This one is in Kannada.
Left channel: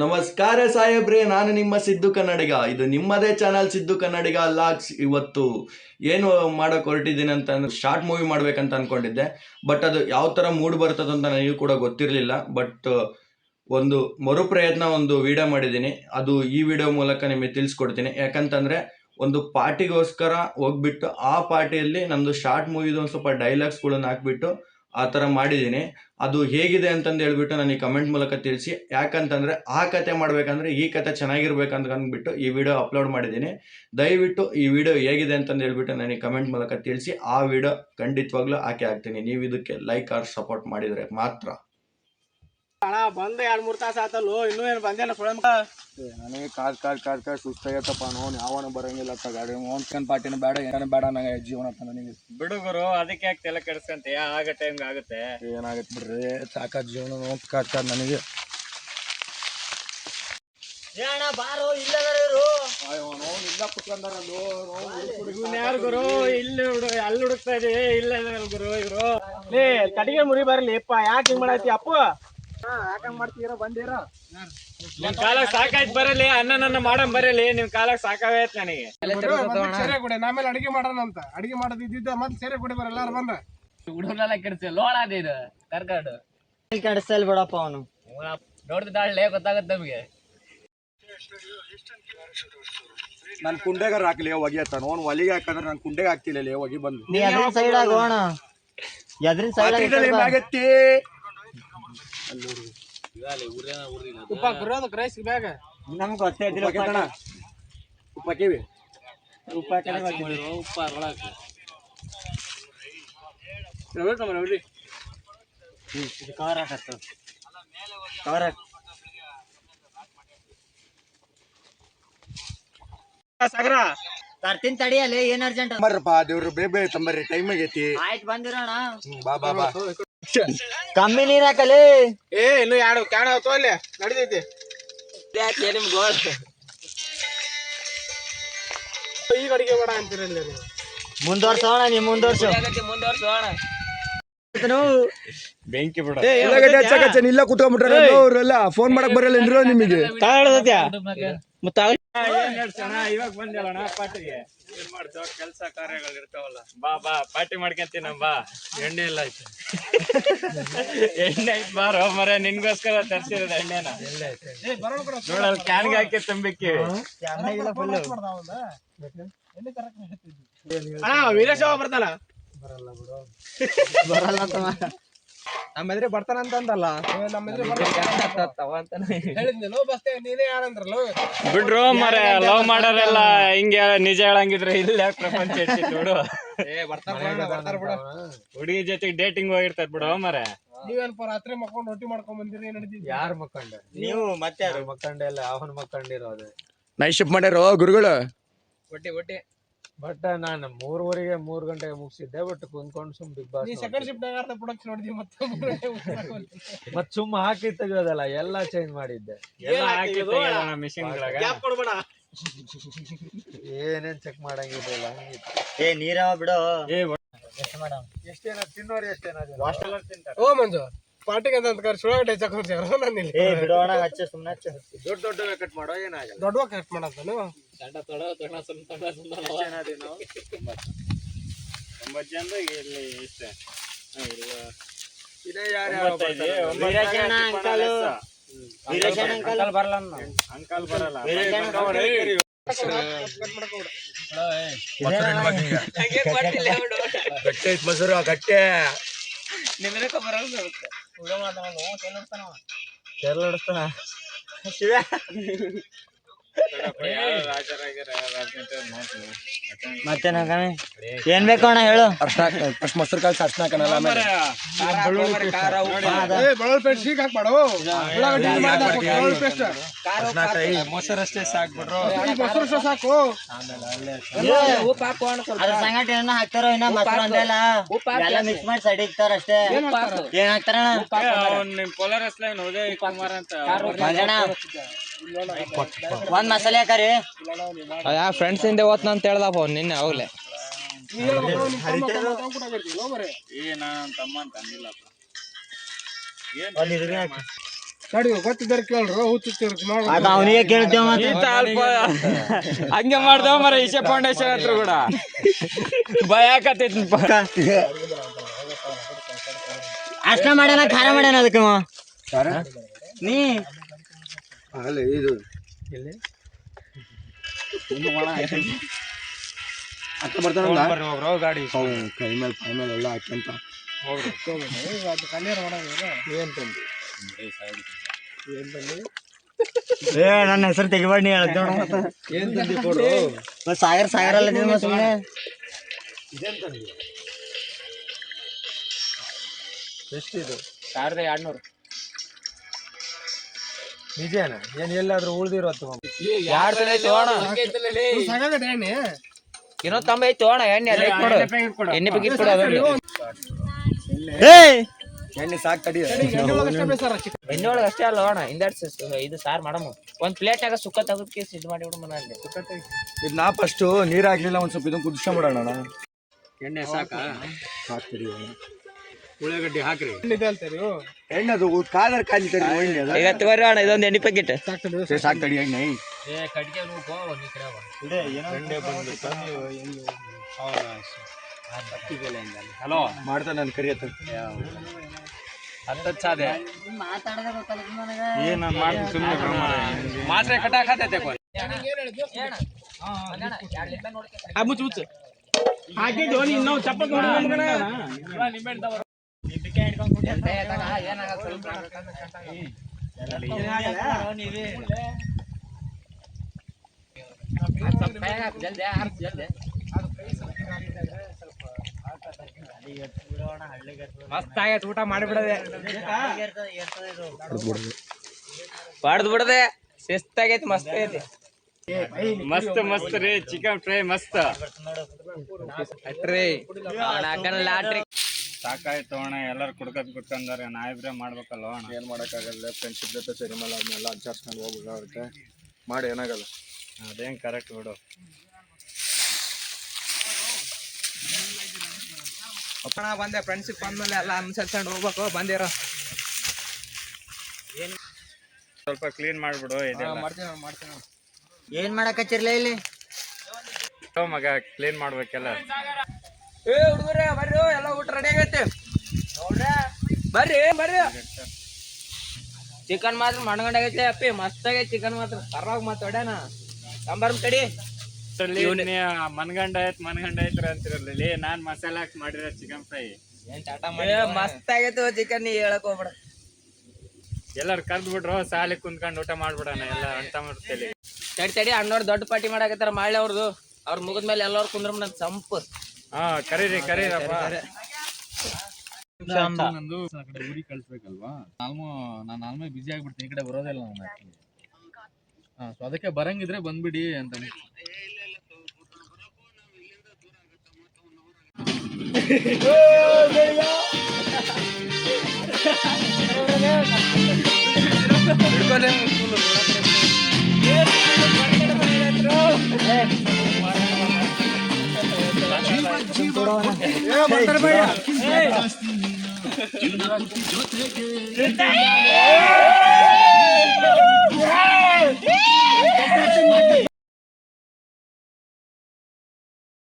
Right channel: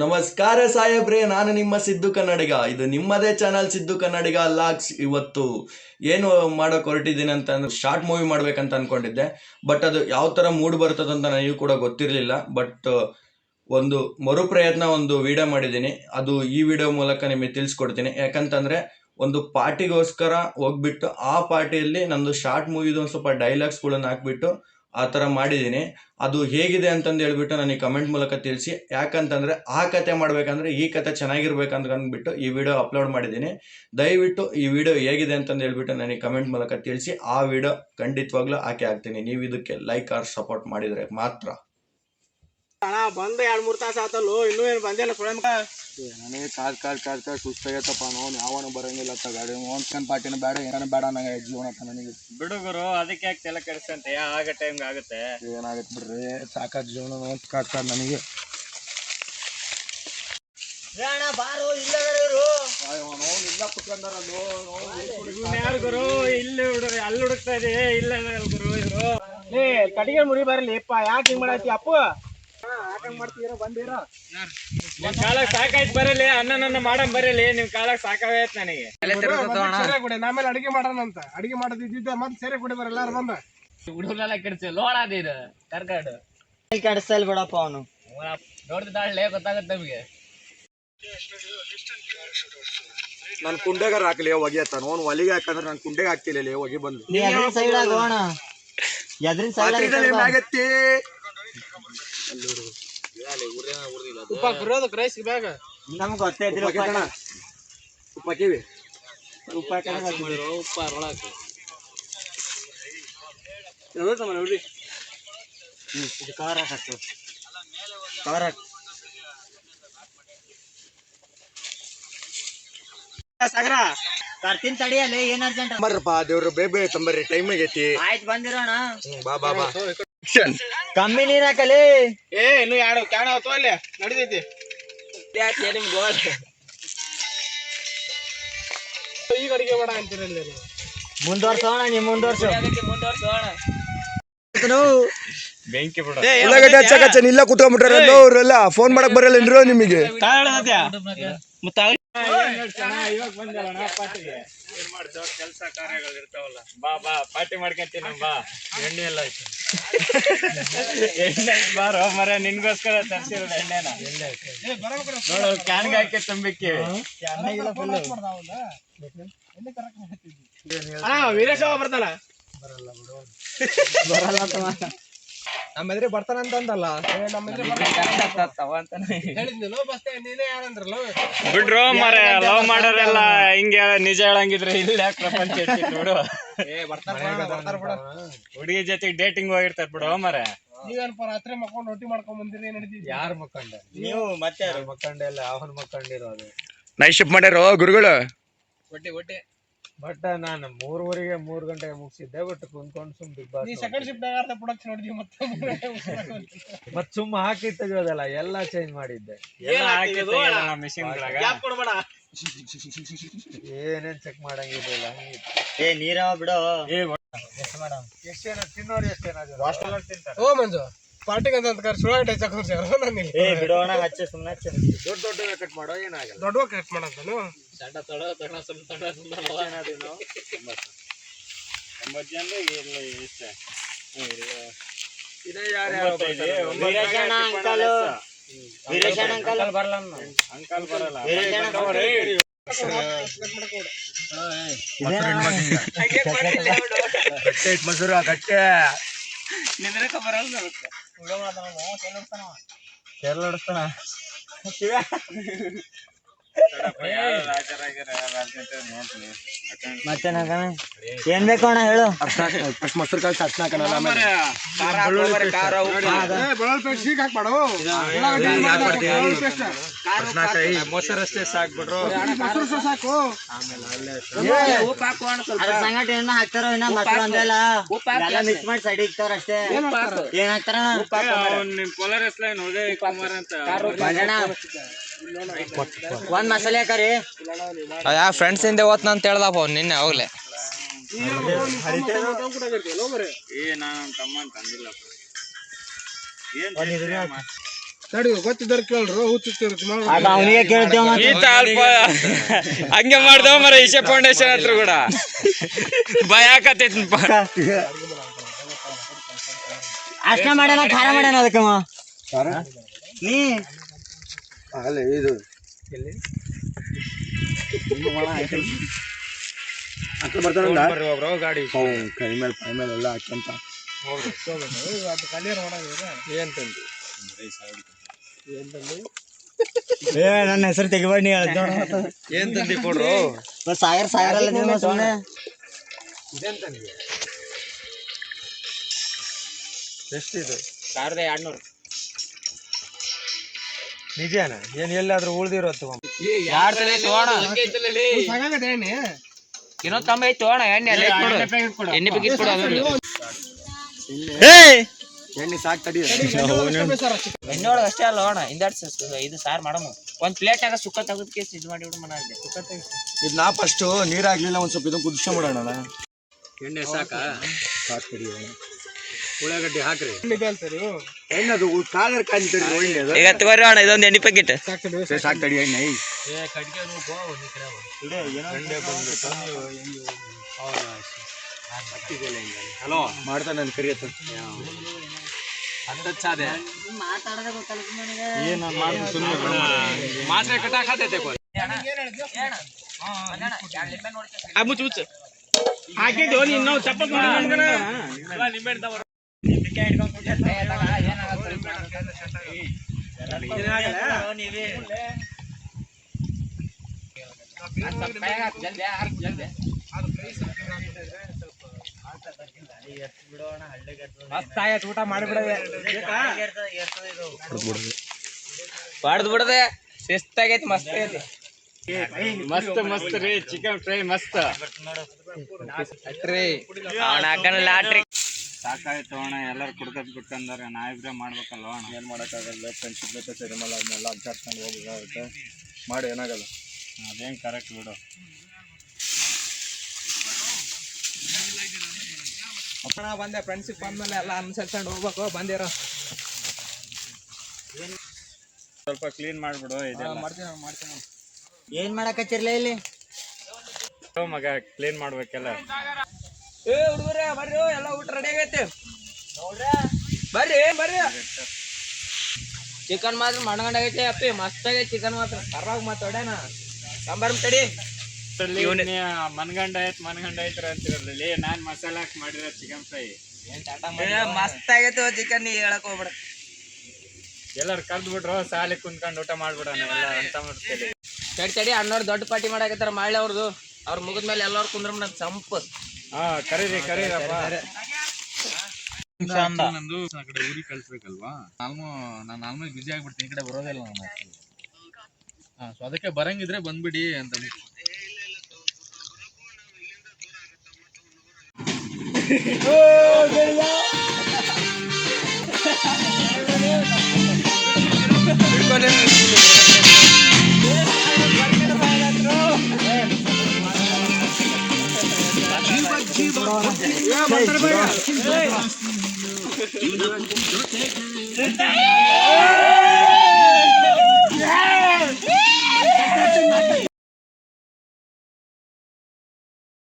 ನಮಸ್ಕಾರ ಸಾಹೇಬ್ರೆ, ನಾನು ನಿಮ್ಮ ಸಿದ್ದು ಕನ್ನಡಿಗ. ಇದು ನಿಮ್ಮದೇ ಚಾನಲ್ ಸಿದ್ದು ಕನ್ನಡಿಗ ಲಾಗ್ಸ್. ಇವತ್ತು ಏನು ಮಾಡೋಕೆ ಹೊರಟಿದ್ದೀನಿ ಅಂತಂದ್ರೆ ಶಾರ್ಟ್ ಮೂವಿ ಮಾಡ್ಬೇಕಂತ ಅನ್ಕೊಂಡಿದ್ದೆ. ಬಟ್ ಅದು ಯಾವ ಥರ ಮೂಡ್ ಬರ್ತದಂತ ನನಗೂ ಕೂಡ ಗೊತ್ತಿರಲಿಲ್ಲ. ಬಟ್ ಒಂದು ಮರುಪ್ರಯತ್ನ ಒಂದು ವಿಡಿಯೋ ಮಾಡಿದ್ದೀನಿ. ಅದು ಈ ವಿಡಿಯೋ ಮೂಲಕ ನಿಮಗೆ ತಿಳಿಸ್ಕೊಡ್ತೀನಿ. ಯಾಕಂತಂದರೆ ಒಂದು ಪಾರ್ಟಿಗೋಸ್ಕರ ಹೋಗ್ಬಿಟ್ಟು ಆ ಪಾರ್ಟಿಯಲ್ಲಿ ನಮ್ಮದು ಶಾರ್ಟ್ ಮೂವಿದು ಒಂದು ಸ್ವಲ್ಪ ಡೈಲಾಗ್ಸ್ಗಳನ್ನು ಹಾಕ್ಬಿಟ್ಟು ಆ ಥರ ಮಾಡಿದ್ದೀನಿ. ಅದು ಹೇಗಿದೆ ಅಂತಂದು ಹೇಳ್ಬಿಟ್ಟು ನನಗೆ ಕಮೆಂಟ್ ಮೂಲಕ ತಿಳಿಸಿ. ಯಾಕಂತಂದರೆ ಆ ಕತೆ ಮಾಡಬೇಕಂದ್ರೆ ಈ ಕತೆ ಚೆನ್ನಾಗಿರ್ಬೇಕಂತ ಅಂದ್ಬಿಟ್ಟು ಈ ವಿಡಿಯೋ ಅಪ್ಲೋಡ್ ಮಾಡಿದ್ದೀನಿ. ದಯವಿಟ್ಟು ಈ ವಿಡಿಯೋ ಹೇಗಿದೆ ಅಂತಂದು ಹೇಳ್ಬಿಟ್ಟು ನನಗೆ ಕಮೆಂಟ್ ಮೂಲಕ ತಿಳಿಸಿ. ಆ ವಿಡಿಯೋ ಖಂಡಿತವಾಗ್ಲೂ ಹಾಕ್ತೀನಿ. ನೀವು ಇದಕ್ಕೆ ಲೈಕ್ ಆರ್ ಸಪೋರ್ಟ್ ಮಾಡಿದರೆ ಮಾತ್ರ. ಅಣ್ಣ ಬಂದು 2-3 ತಾಸು ಆತಲ್ಲೋ, ಇನ್ನೂ ಏನು ಬಂದಿಲ್ಲ ಸುಳಮಕ. ನನಗೆ ಕಾದ್ ಸುಸ್ತಾಗೈತಪ್ಪ. ನೋನ್ ಯಾವನ ಬರಂಗಿಲ್ಲ ಗಾಡಿ ಒಂದ್ಕನ್ ಪಾರ್ಟಿನ ಬೇಡ ಏನ ಬೇಡ ನಂಗೆ ಜೀವನ ನನಗೆ ಬಿಡುಗರು ಅದಕ್ಕೆ ಯಾಕೆ ತಲೆ ಕೆಡಿಸ್ತಂತೆ, ಆಗ ಟೈಮ್ಗೆ ಆಗುತ್ತೆ. ಏನಾಗತ್ತೆ ಬಿಡ್ರಿ, ಸಾಕಾದ ಜೀವನ ಕಾಡ್ತಾರ ನನಗೆ. ಬಾರೋ ಇಲ್ಲವರು ಇಲ್ಲ ಕುತ್ಕೊಂಡಾರಲ್ಲು ಯಾರು ಗುರು, ಇಲ್ಲಿ ಅಲ್ಲಿ ಹುಡುಕ್ತಾ ಇದೆ. ಇಲ್ಲ ಗುರು ಇದ್ರು ಕಟ್ಟಿಗೆ ಮುರಿ ಬರ್ಲಿಪ್ಪ, ಯಾಕೆ ಹಿಂಗ್ ಮಾಡತ್ತಿ ಅಪ್ಪು? ಯಾಕಂಗ್ ಮಾಡ್ತೀರ? ಬಂದಿರ ನಿಮ್ ಕಾಲಕ್ಕೆ ಸಾಕಾಯ್ತು ಬರಲಿ, ಅನ್ನ ಮಾಡಮ್ ಬರಲಿ. ನಿಮ್ ಕಾಲಕ್ಕೆ ಸಾಕಾಗೈತ್ ನನಗೆ. ಆಮೇಲೆ ಅಡಿಗೆ ಮಾಡೋಣ ಅಂತ ಅಡಿಗೆ ಮಾಡೋದಿದ್ದ ಮತ್ತೆ ಸೇರೆ ಕೊಡಿ ಬರ ಎಲ್ಲಾರು ಬಂದ ಹುಡುಗರೆಲ್ಲ ಕೆಡ್ಸ ಲೋಳಾದಿದ ಕರ್ಕಾಡು ಕೆಡಿಸಲ್ ಬಿಡಪ್ಪ. ಅವನು ನೋಡ್ದಾಳೆ ಗೊತ್ತಾಗತ್ತೆ ನಮಗೆ. ನನ್ ಕುಂಡೆಗಾರ ಹಾಕ್ಲಿ ಹೊಗೆ ತಾನು ಅವ್ನು ಒಲಿಗೆ ಹಾಕಂದ್ರೆ ನಾನು ಕುಂಡೆಗೆ ಹಾಕ್ತಿಲ್ಲ ಹೊಗೆ ಬಂದು ಸೈಡ್ ಆಗೋಣ. ಆಗತ್ತೆ ಉಪ್ಪ ಬರೋದು ಕ್ರೈಸ್ ಬ್ಯಾಗ ನಮ್ಗೆ ಗೊತ್ತಾಯ್ತಿಲ್ಲ. ಉಪ್ಪ ಹಾಕಿವಿ, ಉಪ್ಪ ಉಪ್ಪ ಒಳಗೆ ನೋಡಿ. ಇದು ಕವರ್ ಹಾಕತ್ತ, ಕವರ್ ಹಾಕ ಸಾಗರ ತರ್ತೀನಿ ತಡಿಯಲ್ಲಿ. ಏನ್ ಅರ್ಜೆಂಟ್ ಬರ್ರಪ್ಪ ದೇವ್ರು, ಬೇಬೆ ತಂಬರ್ರಿ, ಟೈಮ್ ಆಗೈತಿ. ಆಯ್ತು ಬಂದಿರೋಣ. ಬಾ ಬಾ ಬಾ. ಕಮ್ಮಿ ನೀರ್ ಹಾಕಲಿ. ಇನ್ನು 2 ಕ್ಯಾನ್ ಅವತ್ತು ಅಲ್ಲಿ ನಡಿದೈತಿ. ನಿಮ್ ಗೋಲ್ ಈಗ ಅಡಿಗೆ ಮಾಡ ಅಂತೀರಲ್ಲ. ಮುಂದುವರ್ಸೋಣ, ನೀವು ಮುಂದುವರ್ಸೋಣ. ಬೆಂಕಿ ಬಿಡ ಇಲ್ಲ ಕುತ್ಕೊಂಡ್ಬಿಟ್ಟಾರಲ್ಲ ಅವ್ರೆಲ್ಲ. ಫೋನ್ ಮಾಡಕ್ ಬರಲ್ಲ ನಿಮಗೆ. ಇವಾಗ ಬಂದಿರೋಣ ಪಾರ್ಟಿಗೆ. ಏನ್ ಮಾಡ್ತಾವ ಕೆಲಸ ಕಾರ್ಯಗಳು ಇರ್ತಾವಲ್ಲ. ಬಾ ಬಾ ಪಾರ್ಟಿ ಮಾಡ್ಕೊಂತೀನಿ. ಬಾ ಎಣ್ಣೆ ಎಲ್ಲ ಆಯ್ತು. ಎಣ್ಣೆ ಆಯ್ತು ಬಾರೋ ಮರ, ನಿನ್ಗೋಸ್ಕರ ತರ್ಸಿರೋದು ಎಣ್ಣೆನ. ನೋಡಲ್ ಕ್ಯಾನ್ಗೆ ಹಾಕಿ ತುಂಬಿಕ್ಕಿ. ವೀರೇಶ ಬರ್ತಾನ ಬರಲ್ಲ ನಮ್ಮ ಎದುರು ಬರ್ತಾನಂತಂದಲ್ಲ. ಬಿಡ್ರು ಮರ ಲವ್ ಮಾಡೋರೆಲ್ಲ ಹಿಂಗೆ ನಿಜ ಹೇಳಂಗಿದ್ರೆ ಇಲ್ಲ ಪ್ರಪಂಚ ಇರ್ತಿತ್ತು ಬಿಡು. ಹುಡುಗಿ ಜೊತೆಗೆ ಡೇಟಿಂಗ್ ಹೋಗಿರ್ತಾರ ಬಿಡು ಮರ. ನೀವೇನಪ್ಪ ರಾತ್ರಿ ಮಕ್ಕೊಂಡು ರೊಟ್ಟಿ ಮಾಡ್ಕೊಂಡ್ ಬಂದಿರಿ? ನಡೀತಿದ್ವಿ. ಯಾರು ಮಕ್ಕಂಡ? ನೀವು ಮತ್ತೆ ಯಾರು ಮಕ್ಕಂಡಿಲ್ಲ, ಅವನ್ ಮಕ್ಕಂಡಿರೋದು. ನೈಟ್ ಶಿಫ್ಟ್ ಮಾಡ್ಯಾರ ಗುರುಗಳು. ಒಟ್ಟಿ ಬಟ್ ನಾನು 3 ಗಂಟೆಗೆ ಮುಗಿಸಿದ್ದೆ. ಬಟ್ ಕುಂತ್ಕೊಂಡು ಸುಮ್ Bigg Boss second shift production ನೋಡಿದ್ವಿ. ಮತ್ ಸುಮ್ಮ ಹಾಕಿ ತೆಗಿಯೋದಲ್ಲ, ಎಲ್ಲಾ ಚೇಂಜ್ ಮಾಡಿದ್ದೆ. ಏನೇನ್ ಚೆಕ್ ಮಾಡಂಗಿರ್ಲಿಲ್ಲ. ನೀರವ ಬಿಡು. ಎಷ್ಟೇನ ತಿನ್ನೋರು ಎಷ್ಟೇನ ಓ ಮಂಜು ಪಾರ್ಟಿಗೆ ಅಂತ ಸುಳಾಗಟ್ಟೆ ಬಿಡೋಣ. ದೊಡ್ಡ ಕಟ್ ಮಾಡೋ ಏನಾಗಲ್ಲ. ದೊಡ್ಡ ಕಟ್ ಮಾಡಂತ ನೀವು ಅಂಕಲ್ ಬರಲ್ಲ. ಮಸೂರ ಗಟ್ಟೆ ಮತ್ತೇನ ಏನ್ ಬೇಕು ಅಣ್ಣ ಹೇಳು. ಮೊಸರು ಕಾಳು ಸಾಸ್ನ ಮೊಸರಷ್ಟೇ ಸಾಕ್ಬಿಟ್ರು. ಸಂಗಟ ಏನ ಹಾಕ್ತಾರ ಮೊಸರು ಅಂದೆಲ್ಲ ಎಲ್ಲ ಮಿಕ್ಸ್ ಮಾಡಿ ಸೈಡ್ ಇಕ್ತಾರ ಅಷ್ಟೇ. ಏನ್ ಹಾಕ್ತಾರ ಒಂದ್ ಮಸಾಲೆ ಹಾಕರಿ. ಯಾ ಫ್ರೆಂಡ್ಸ್ ಹಿಂದೆ ಓದ್ನ ಅಂತ ಹೇಳ್ದಪ್ಪ ಅವ್ನು ನಿನ್ನೆ ಹೋಗ್ಲೆ. ತಡಿ ಗೊತ್ತಿದ್ದಾರೆ ಕೇಳ್ರು ಹುಚ್ಚುತ್ತಿರುತ್ತೆ ಅವನಿಗೆ ಕೇಳ್ತೇವ ಈತ ಅಲ್ಪ ಹಂಗೆ ಮಾಡ್ದವ ಮರ ಈಶಾ ಫೌಂಡೇಶನ್ ಹತ್ರ ಕೂಡ ಭಯ ಆಕತೈತಪ್ಪ. ಅಷ್ಟ ಮಾಡ್ಯಾನ ಖಾರ ಮಾಡ್ಯಾನ ಅದಕ್ಕೆ ನೀ ಅಲ್ಲ ಇದು ಅಕ್ಕ ಬರ್ತಾನ ಗಾಡಿ ಕೈ ಮೇಲೆ ಎಲ್ಲ ಹಾಕ್ಯಂತ ನನ್ನ ಹೆಸರು ತೆಗಿಬಾರ್ದು ಹೇಳ್ದ ಏನ್ ತಂದಿ ಕೊಡ್ರು? ಸಾಯರ್ ಅಲ್ಲ ನೀವು ಸುಮ್ಮನೆ ಎಷ್ಟಿದೆ? 1200. ನಿಜಾನ ಏನ್ ಎಲ್ಲಾದ್ರೂ ಉಳ್ದಿರೋದು ಇನ್ನೂ ತಂಬ ಐತಿ ತೋಣ ಎಣ್ಣೆ ಎಣ್ಣೆ ಬಗ್ಗೆ ಎಣ್ಣೆ ಸಾಕ್ ತಡಿ ಎಣ್ಣೆ ಒಳಗೆ ಅಷ್ಟೇ ಅಲ್ಲ ಅಣ್ಣ ಇದು ಸಾರು ಮಾಡಮ್ಮ ಒಂದ್ ಪ್ಲೇಟ್ ಆಗ ಸುಕ್ಕ ತೆಗೆದು ಕೇಸ್ ಇದು ಮಾಡಿ ಬಿಡು ಮನೆ ಇದು ನಾ ಫಸ್ಟ್ ನೀರ್ ಹಾಕ್ಲಿಲ್ಲ ಒಂದ್ ಸ್ವಲ್ಪ ಇದನ್ನ ಕುದಿಸ್ಕೊಂಡ್ಬಿಡೋಣ. ಎಣ್ಣೆ ಸಾಕ ಸಾಕ್ ತಡಿ ಉಳ್ಳಾಗಡ್ಡಿ ಹಾಕ್ರಿ ಎಣ್ಣೆ ಅದು ಕಾಲರ್ ಕಾಂತೀರಿ ಈಗ ತಗೋರಿ ಅಣ್ಣ ಇದೊಂದು ಎಣ್ಣೆ ಪ್ಯಾಕೆಟ್ ಸಾಕ್ ತಡಿ ಎಣ್ಣೆ ಹಲೋ ಮಾಡ್ತಾನೆ ನಾನು ಕರಿಯತ್ತ ಸಾಧ್ಯ ಏನ್ ನಾನು ಮಾಡ್ತೀನಿ ಸುಮ್ಮನೆ ಮಾತ್ರ ಕಟ್ಟಾಕತೈತೆ ಹಾಕಿದ್ದು ನೀನು ಚಪ್ಪಲ್ ಮಸ್ತ್ ಆಗೈತೆ ಊಟ ಮಾಡಿಬಿಡದೆ ಬಾಡ್ದು ಬಿಡದೆ ಶಿಸ್ತಾಗೈತಿ ಮಸ್ತ್ ಆಗೈತಿ ಮಸ್ತ್ ರೀ ಚಿಕನ್ ಫ್ರೈ ಮಸ್ತ್ ಲಾಟ್ರಿ ಸಾಕಾಯ್ತು ಅಣ್ಣ. ಎಲ್ಲರೂ ಕುಡ್ಕೊಂಡಾರೆ ನಾವಿಬ್ರೆ ಮಾಡ್ಬೇಕಲ್ಲ ಅಣ್ಣ. ಏನು ಮಾಡೋಕ್ಕಾಗಲ್ಲ ಫ್ರೆಂಡ್ಶಿಪ್ ಜೊತೆ ಸಿನಿಮಾ ಅದನ್ನೆಲ್ಲ ಅಡ್ಜಸ್ಟ್ಕೊಂಡು ಹೋಗ್ಬೇಕಾಗುತ್ತೆ. ಮಾಡಿ ಏನಾಗಲ್ಲ. ಅದೇನು ಕರೆಕ್ಟ್ ಬಿಡು. ಅಪ್ಪಣ ಬಂದೆ ಫ್ರೆಂಡ್ಶಿಪ್ ಬಂದ್ಮೇಲೆ ಎಲ್ಲ ಅನುಸರಿಸ್ಕೊಂಡು ಹೋಗ್ಬೇಕು. ಬಂದಿರೋ ಸ್ವಲ್ಪ ಕ್ಲೀನ್ ಮಾಡಿಬಿಡು. ಮಾಡ್ತೀನಿ ಏನ್ ಮಾಡಕತ್ತಿರ್ಲ ಇಲ್ಲಿ ಮಗ ಕ್ಲೀನ್ ಮಾಡ್ಬೇಕೆಲ್ಲ. ಏ ಹುಡುಗರೇ ಬರ್ರಿ ಎಲ್ಲ ಊಟ ರೆಡಿ ಆಗೈತೆ ಬರ್ರಿ ಬರ್ರಿ. ಚಿಕನ್ ಮಾತ್ರ ಮಣ್ಗಂಡಾಗೈತೆ ಅಪ್ಪಿ ಮಸ್ತ್ ಆಗೈತೆ ಚಿಕನ್ ಮಾತ್ರ ಕರ್ರಾಗ ಮಾತಾಡ್ಯಾನ ಸಾಂಬಾರ್ ತಡಿ ಮನ್ಗಂಡ ಐತ್ರಿ ಅಂತಿರಲಿ. ನಾನ್ ಮಸಾಲ ಹಾಕಿ ಮಾಡಿರೋ ಚಿಕನ್ ಫ್ರೈ ಮಸ್ತ್ ಆಗೈತೆ ಚಿಕನ್ ನೀ ಹೇಳಕ್ ಹೋಗ್ಬಿಡ. ಎಲ್ಲಾರು ಕರ್ದ್ ಬಿಟ್ರು ಸಾಲಿ ಕುಂತ್ಕೊಂಡು ಊಟ ಮಾಡ್ಬಿಡೋಣ ಎಲ್ಲ ಅಂತ ಮಾಡ್ತೇಳಿ. ತಡಿ ಅಣ್ಣವ್ರು ದೊಡ್ಡ ಪಾರ್ಟಿ ಮಾಡಕತ್ತಾರ ಮಾಡ್ಲಿ ಅವ್ರದ್ದು. ಅವ್ರ ಮುಗಿದ್ಮೇಲೆ ಎಲ್ಲರೂ ಕುಂದ್ರ ನನ್ ಸಂಪು. ಹಾ ಕರೀರಪ್ಪ. ನಂದು ಆ ಕಡೆ ಊರಿಗೆ ಕಳ್ಸ್ಬೇಕಲ್ವಾ. ನಾನು ಆಲ್ಮೋಸ್ಟ್ ಬಿಜಿ ಆಗ್ಬಿಡ್ತೀನಿ. ಈ ಕಡೆ ಬರೋದಿಲ್ಲ ನಾನು. ಸೊ ಅದಕ್ಕೆ ಬರಂಗಿದ್ರೆ ಬಂದ್ಬಿಡಿ ಅಂತ. ಜೊತೆಗೆ